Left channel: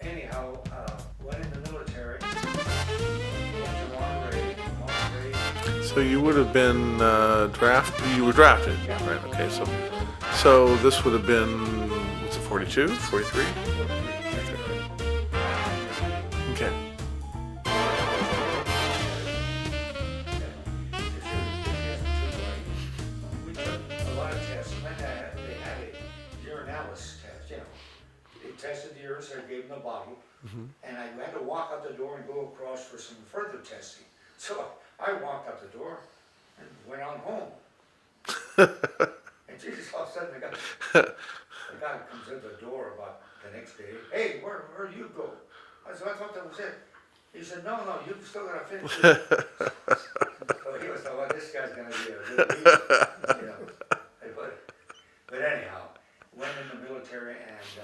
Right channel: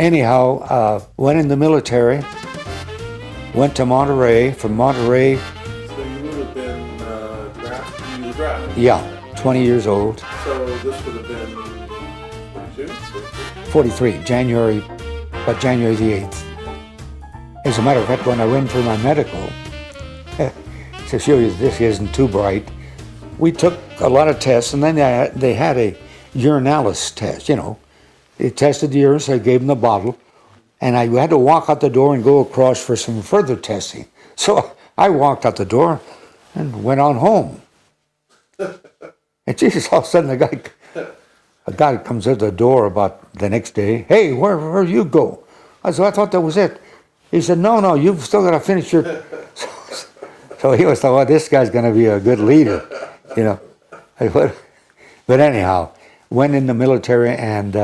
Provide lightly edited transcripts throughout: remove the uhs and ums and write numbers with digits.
anyhow, went in the military, went to Monterey. From Monterey, So you would have been drafted. You were drafted. yeah, Right, okay, 20 years old. So this would have been 42, 43? 43, January the 8th. Okay. As a matter of fact, when I went for my medical, to show you this isn't too bright, we took a lot of tests, and then they had a urinalysis test, you know. They tested the urine, so I gave them the bottle, and I had to walk out the door and go across for some further testing. So I walked out the door and went on home. And Jesus, all of a sudden a guy comes at the door about the next day. Hey, where you go? I said, I thought that was it. He said, no, you've still got to finish your... So he was like, well, this guy's going to be a good leader, you know. But anyhow, went in the military and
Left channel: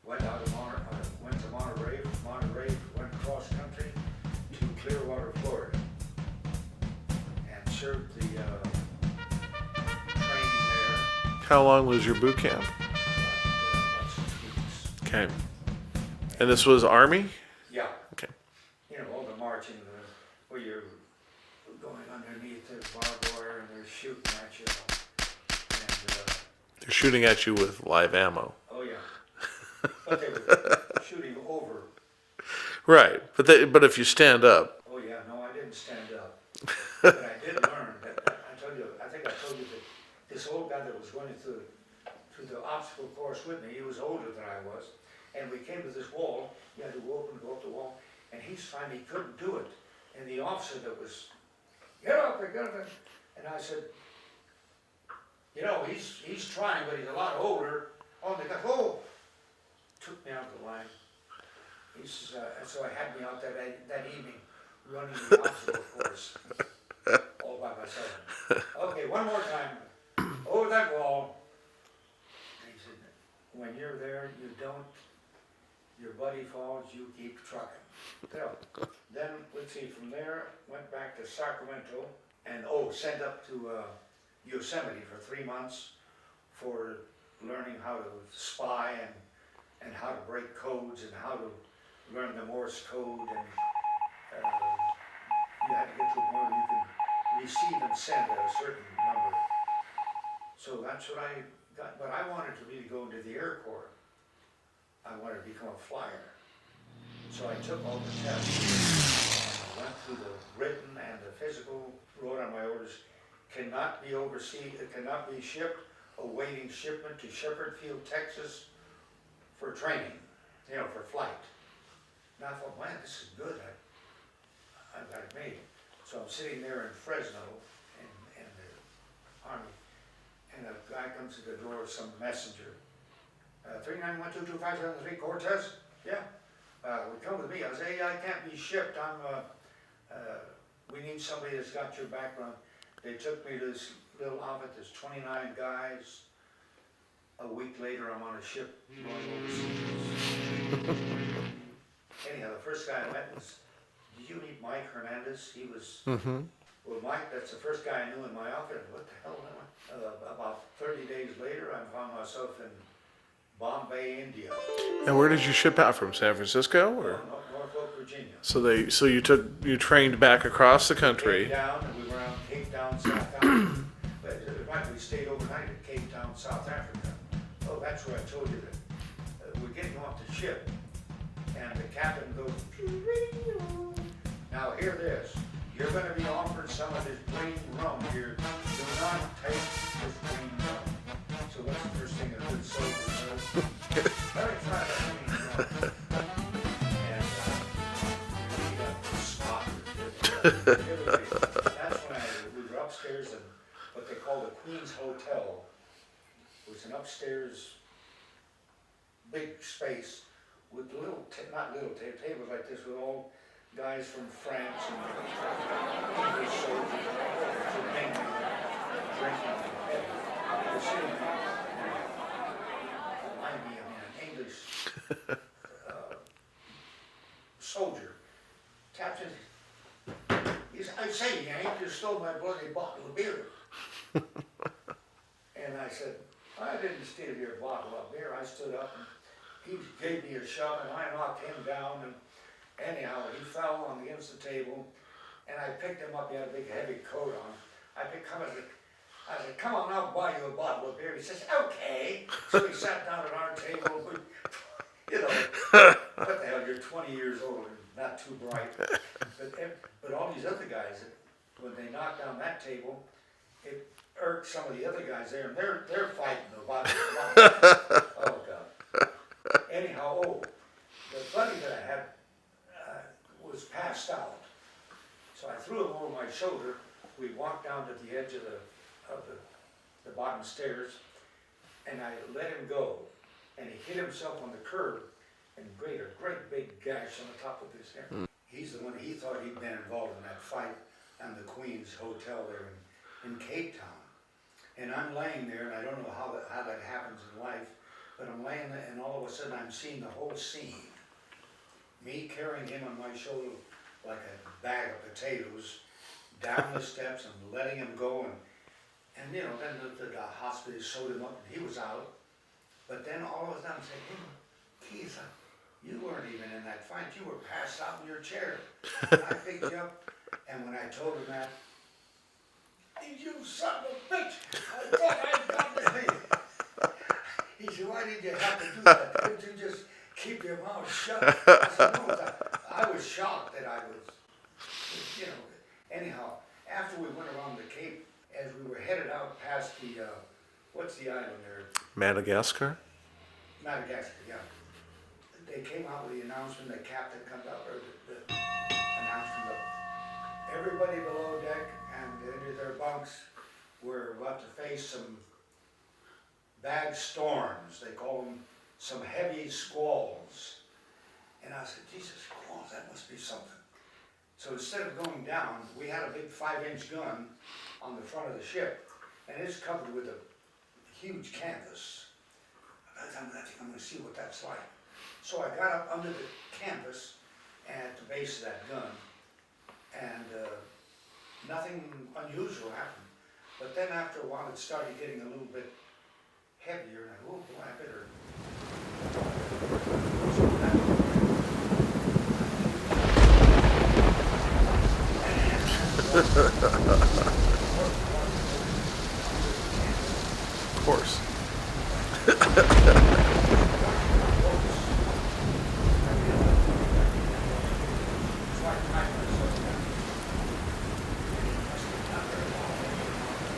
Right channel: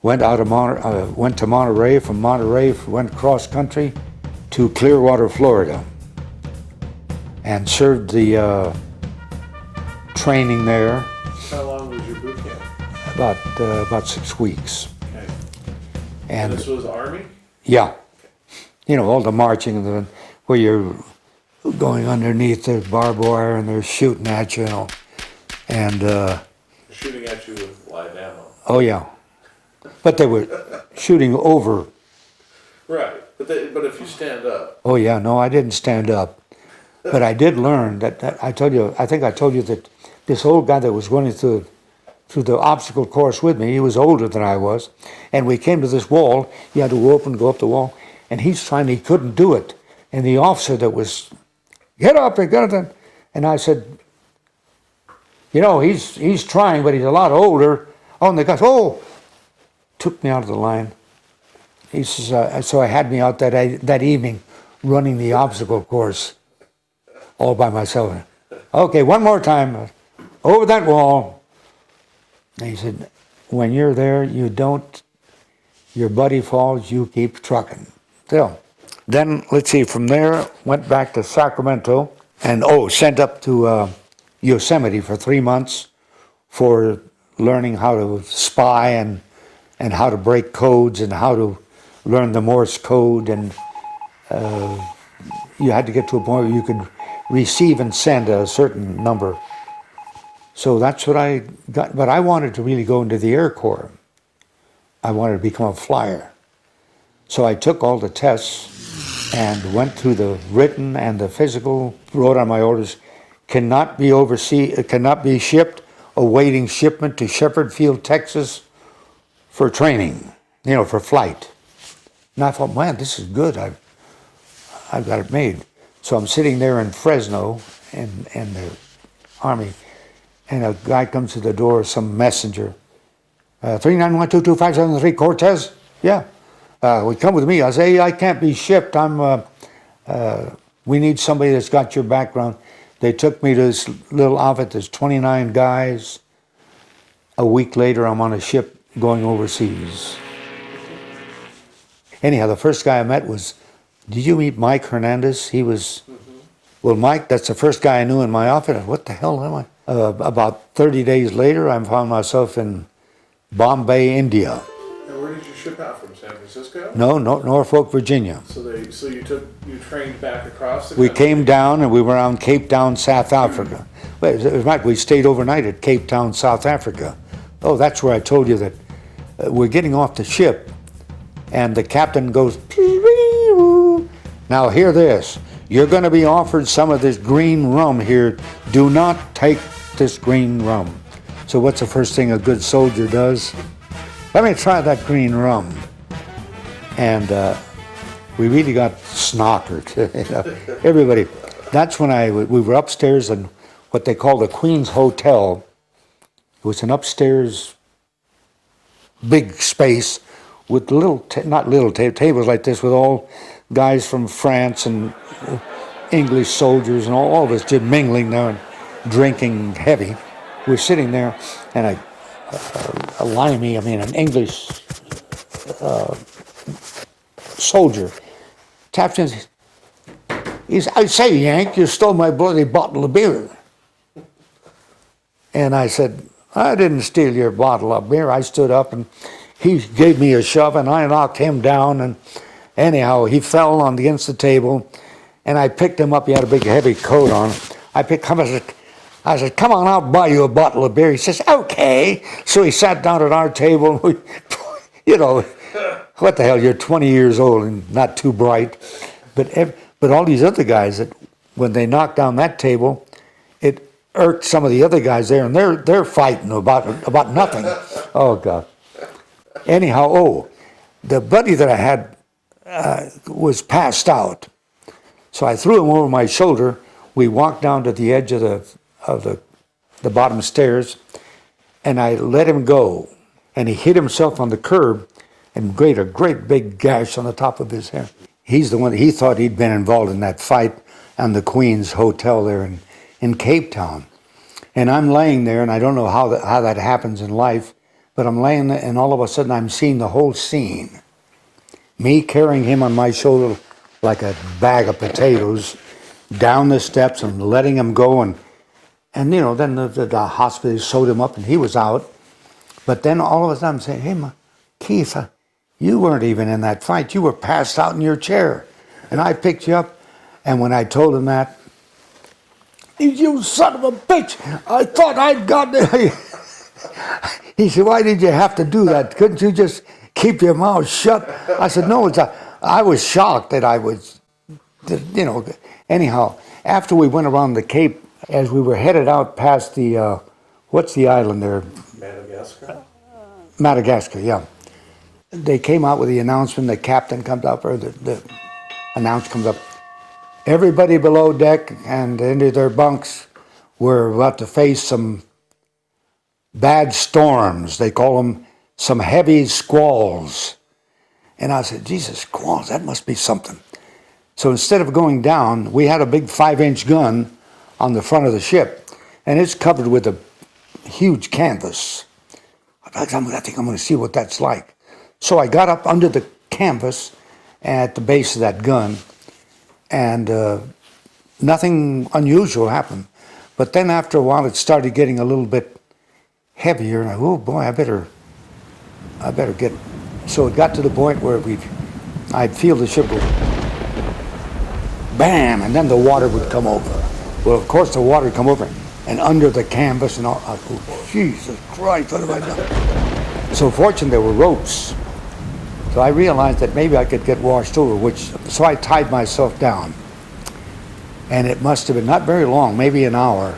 went to Monterey. From Monterey, went cross country to Clearwater, Florida, and served the training there. How long was your boot camp? About 6 weeks. Okay. And this was Army? Yeah. Okay. You know, all the marching where you're going underneath the barbed wire and they're shooting at you, you know. And They're shooting at you with live ammo. oh yeah, but they were shooting over. Right, but if you stand up. Oh yeah, no, I didn't stand up, but I did learn that I think I told you that this old guy that was running through the obstacle course with me, he was older than I was, and we came to this wall. He had to go up the wall, and he couldn't do it, and the officer that was, get up and get it, and I said, you know, he's trying, but he's a lot older. Oh, and the guy, took me out of the line. He says, so I had me out that evening running the obstacle course all by myself. Okay, one more time, over that wall. And he said, when you're there, your buddy falls, you keep trucking. So, then, let's see, from there, went back to Sacramento and, sent up to Yosemite for 3 months for learning how to spy and how to break codes and how to learn the Morse Code. And you had to get to a point where you could receive and send a certain number. So that's what I got. But I wanted to really go into the Air Corps. I wanted to become a flyer. So I took all the tests and went through the written and the physical, wrote on my orders, cannot be shipped, awaiting shipment to Shepherd Field, Texas for training, for flight. And I thought, man, this is good. I've got it made. So I'm sitting there in Fresno in the Army, and a guy comes to the door, some messenger. 3912253 Cortez? Yeah. Would come with me. I say, I can't be shipped. We need somebody that's got your background. They took me to this little outfit. There's 29 guys. A week later, I'm on a ship going overseas. Anyhow, the first guy I met was, did you meet Mike Hernandez? He was, well, Mike, that's the first guy I knew in my outfit. What the hell am I? About 30 days later, I found myself in Bombay, India. And where did you ship out from? San Francisco? No, Norfolk, Virginia. So you trained back across the country? We came down and we were around Cape Town, South Africa. We stayed overnight at Cape Town, South Africa. Oh, that's where I told you that we're getting off the ship, and the captain goes, now hear this. You're going to be offered some of this green rum here. Do not take this green rum. So what's the first thing a good soldier does? Let me try that green rum. And we really got snockered. Everybody. That's when we were upstairs in what they call the Queen's Hotel. It was an upstairs big space with tables like this with all guys from France and English soldiers and all of us just mingling there and drinking heavy. We're sitting there, and an English soldier taps in. He says, I say, Yank, you stole my bloody bottle of beer. And I said, I didn't steal your bottle of beer. I stood up, and he gave me a shove, and I knocked him down. And anyhow, he fell on against the table, and I picked him up. He had a big, heavy coat on. I picked him up. I said, come on, I'll buy you a bottle of beer. He says, okay. So he sat down at our table. You know, what the hell, you're 20 years old and not too bright. But all these other guys, that when they knocked down that table, it irked some of the other guys there, and they're fighting about nothing. Oh, God. Anyhow, the buddy that I had was passed out. So I threw him over my shoulder. We walked down to the edge of the bottom stairs, and I let him go. And he hit himself on the curb and made a great big gash on the top of his head. He's the one, he thought he'd been involved in that fight on the Queen's Hotel there in Capetown. And I'm laying there, and I don't know how that happens in life, but I'm laying there, and all of a sudden I'm seeing the whole scene. Me carrying him on my shoulder like a bag of potatoes down the steps and letting him go. And you know, then the hospital sewed him up and he was out. But then all of a sudden I'm saying, hey, Keith, you weren't even in that fight. You were passed out in your chair. And I picked you up. And when I told him that, you son of a bitch, I thought I'd got it. He said, why did you have to do that? Couldn't you just keep your mouth shut? I said, no, I was shocked that I was, you know. Anyhow, after we went around the Cape, as we were headed out past the, what's the island there? Madagascar? Madagascar, yeah. They came out with the announcement, the captain comes up, or the announcer comes up. Everybody below deck and into their bunks were about to face some bad storms. They call them some heavy squalls. And I said, Jesus, squalls, that must be something. So instead of going down, we had a big 5-inch gun on the front of the ship, and it's covered with a huge canvas. I think I'm going to see what that's like. So I got up under the canvas at the base of that gun, and nothing unusual happened. But then after a while, it started getting a little bit heavier, and oh boy, I better get it. So it got to the point where I'd feel the ship would bam, and then the water would come over. Well, of course, the water would come over and under the canvas and all. I thought, Jesus Christ, what have I done? So fortunately, there were ropes. So I realized that maybe I could get washed over, so I tied myself down. And it must have been not very long, maybe an hour,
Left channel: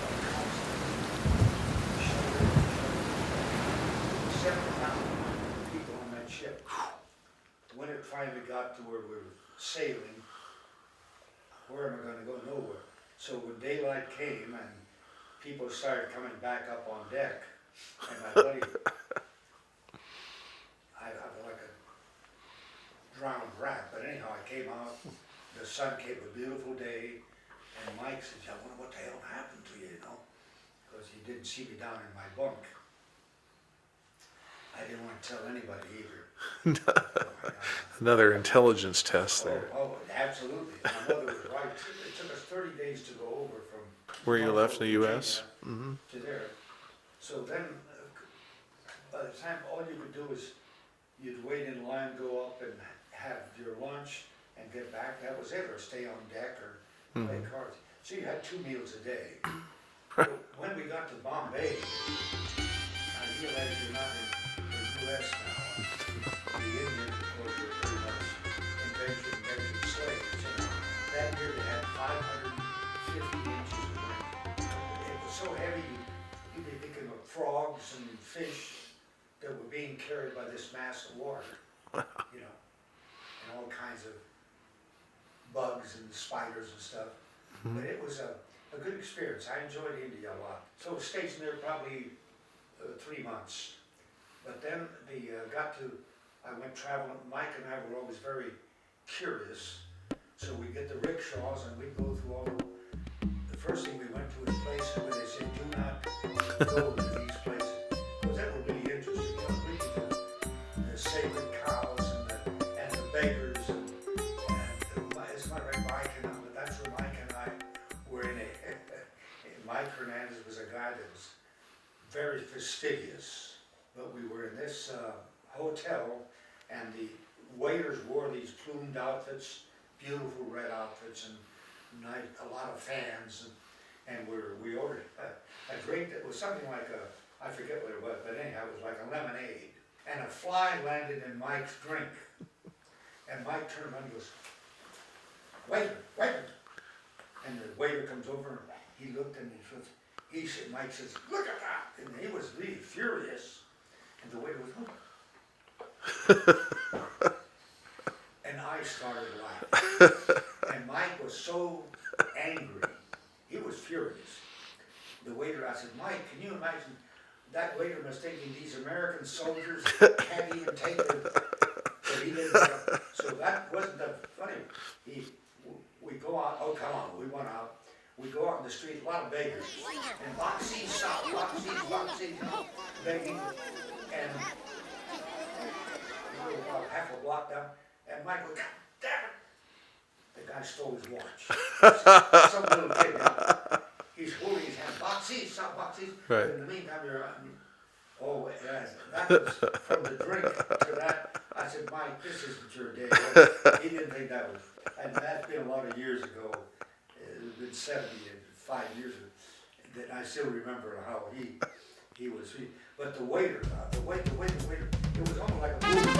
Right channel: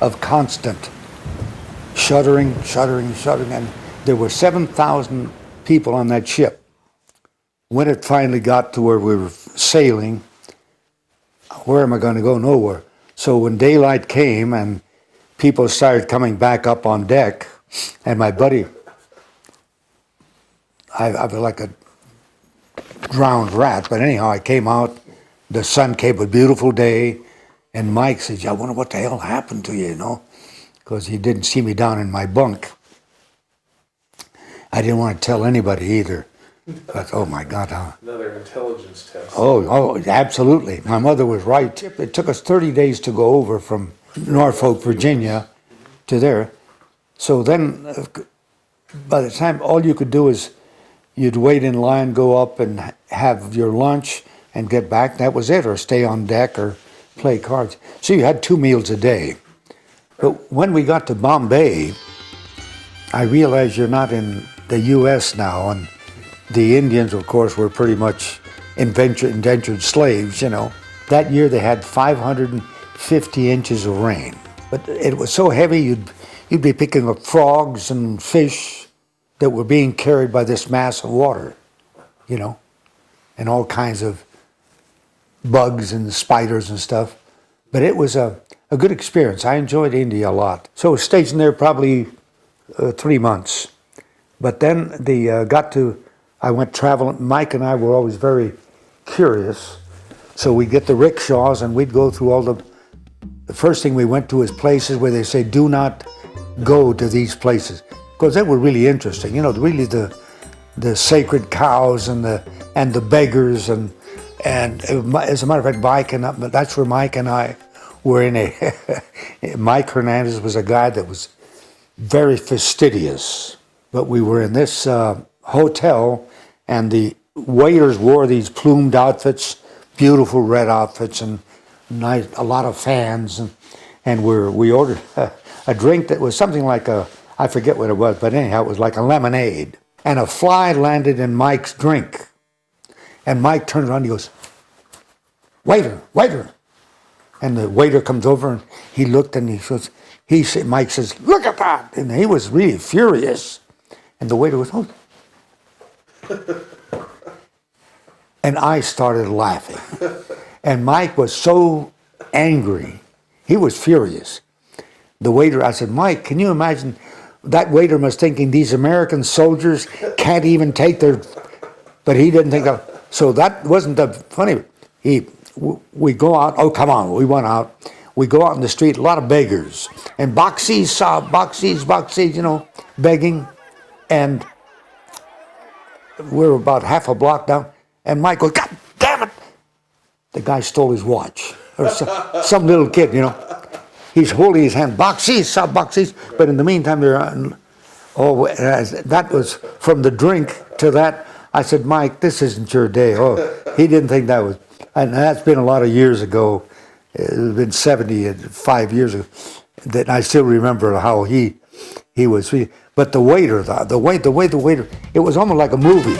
of constant shuddering. And there were 7,000 people on that ship. When it finally got to where we were sailing, where am I going to go? Nowhere. So when daylight came and people started coming back up on deck, and my buddy, I was like a drowned rat, but anyhow, I came out, the sun came, a beautiful day, and Mike says, I wonder what the hell happened to you, you know, because he didn't see me down in my bunk. I didn't want to tell anybody either. But, oh my God. Another intelligence test. Oh, absolutely. My mother was right. It took us 30 days to go over from Norfolk, Virginia to there. So then, by the time, all you could do is you'd wait in line, go up and have your lunch and get back. That was it, or stay on deck or play cards. So you had 2 meals a day. But when we got to Bombay, I realized you're not in the U.S. now, and the Indians, of course, were pretty much indentured slaves, you know. That year they had 550 inches of rain. But it was so heavy, you'd be picking up frogs and fish that were being carried by this mass of water, you know, and all kinds of bugs and spiders and stuff. But it was a good experience. I enjoyed India a lot. So I was stationed there probably 3 months. But then I went traveling. Mike and I were always very curious. So we'd get the rickshaws and we'd go through all the first thing we went to is places where they say, do not go to these places. Because they were really interesting. You know, really the sacred cows and the beggars and as a matter of fact, that's where Mike and I were in Mike Hernandez was a guy that was very fastidious. but we were in this hotel, and the waiters wore these plumed outfits, beautiful red outfits, and nice, a lot of fans, and we ordered a drink that was something like I forget what it was, but anyhow, it was like a lemonade. And a fly landed in Mike's drink. And Mike turns around and he goes, "Waiter, waiter." And the waiter comes over and he looked and Mike says, "Look at that." And he was really furious. And the waiter was, "Oh." And I started laughing. And Mike was so angry. He was furious. The waiter, I said, "Mike, can you imagine?" That waiter was thinking these American soldiers can't even take their, but he didn't think of, so that wasn't the funny. We go out, oh come on, we went out. We go out in the street, a lot of beggars. And boxies, begging. And we were about half a block down, and Mike goes, "God damn it!" The guy stole his watch. Or some little kid, He's holding his hand, boxies. Right. But in the meantime, that was from the drink to that. I said, "Mike, this isn't your day." Oh, he didn't think that was, and that's been a lot of years ago. It's been 75 years ago. That I still remember how he was. But the waiter, the way the waiter, it was almost like a movie.